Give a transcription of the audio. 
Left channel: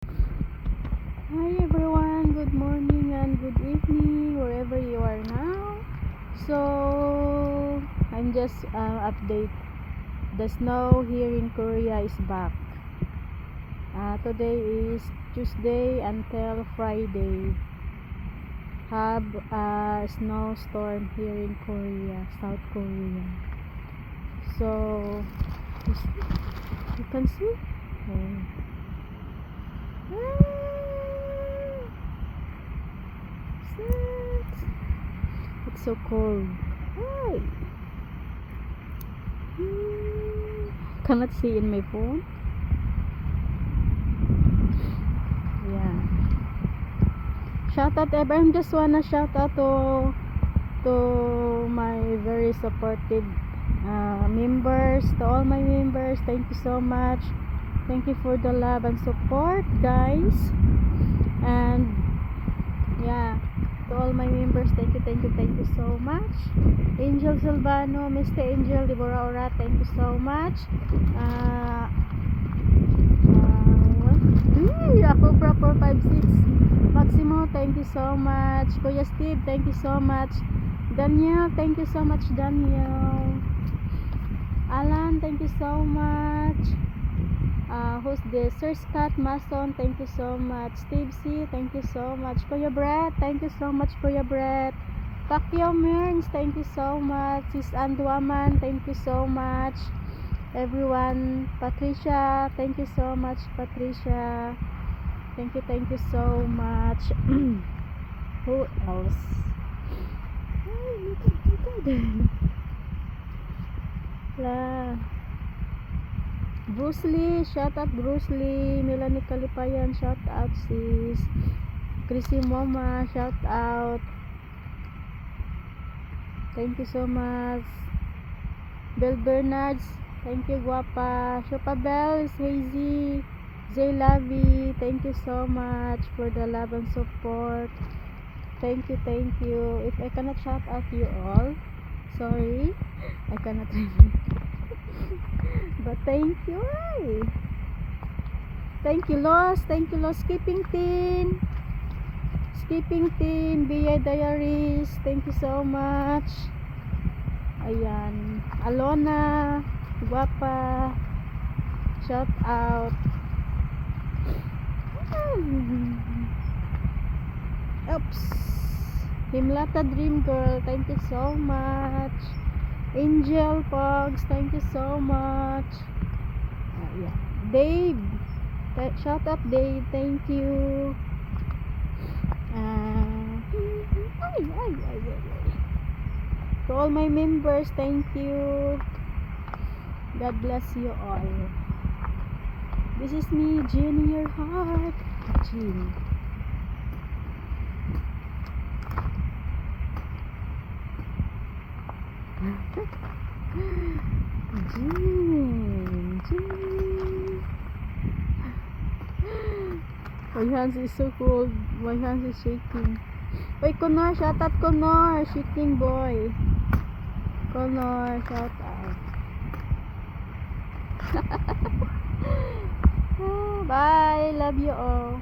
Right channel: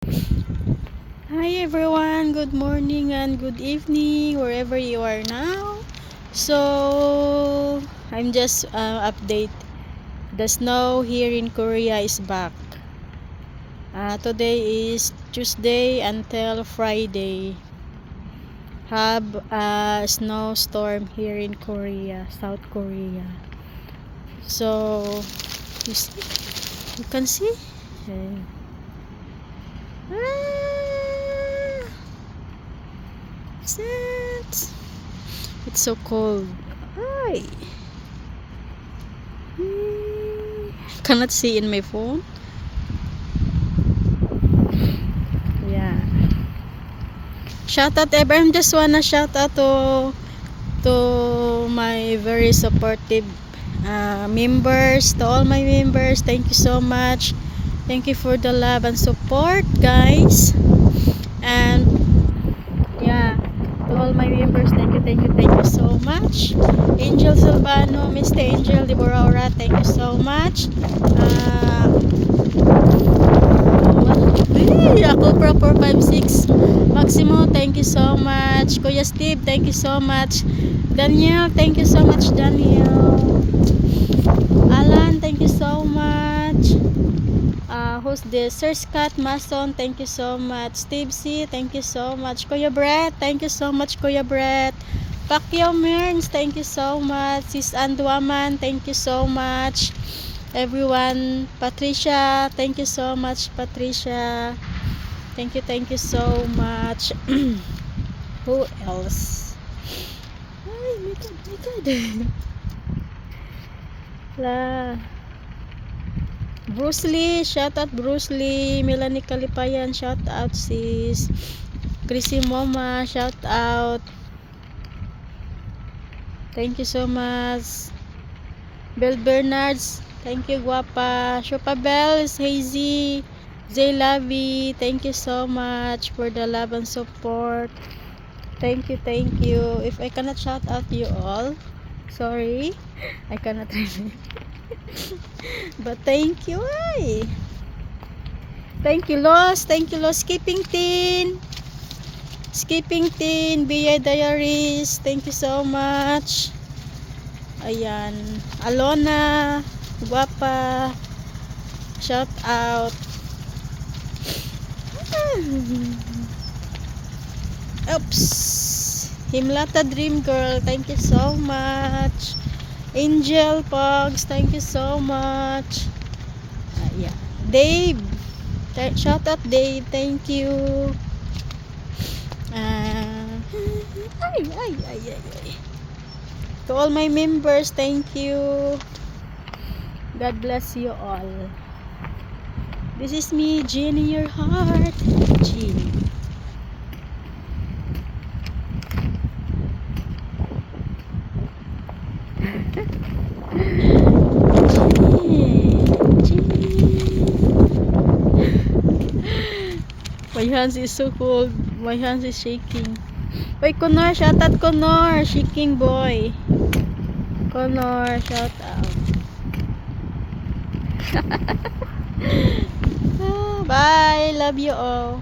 Hi everyone, good morning and good evening wherever you are now. So I'm just update. The snow here in Korea is back. Today is Tuesday until Friday. Have a snowstorm here in Korea, South Korea. So you can see. It's so cold. Hi. Cannot see in my phone. Yeah. Shout out everyone. Just wanna shout out to my very supportive members, to all my members. Thank you so much. Thank you for the love and support, guys. And yeah, to all my members, thank you so much. Angel Silvano, Mr. Angel Deborah, thank you so much. Ako Pro 456 Maximo, thank you so much. Kuya Steve, thank you so much. Daniel, thank you so much. Daniel, Alan, thank you so much. Who's this? Sir Scott Mason, thank you so much. Steve C, thank you so much. Kuya Brett, thank you so much. Kuya Brett, Pacquiao Mearns, thank you so much. Sis Anduaman, thank you so much. Everyone, Patricia, thank you so much. Patricia, thank you so much. Who else? Ay, my God. La Bruce Lee, shout out Bruce Lee. Melanie Kalipayan, shout out sis. Chrissy Moma, shout out. Thank you so much. Bel Bernards, thank you guapa. Shopa Bells, Hazy, Zay Lavi, thank you so much for the love and support. Thank you. If I cannot shout out you all, sorry, I cannot really. But thank you. Ay. Thank you, Los. Skipping Teen, BI Diaries. Thank you so much. Ayan. Alona, guapa. Shout out. Oops. Himlata Dream Girl, thank you so much. Angel Pogs, thank you so much. Yeah. Dave, shout out Dave, thank you. To all my members, thank you. God bless you all. This is me, Jenny, your heart. Jenny. My hands is so cold. My hands is shaking. Wait, Connor, shout out Connor, shaking boy. Connor, shout out. Bye, love you all.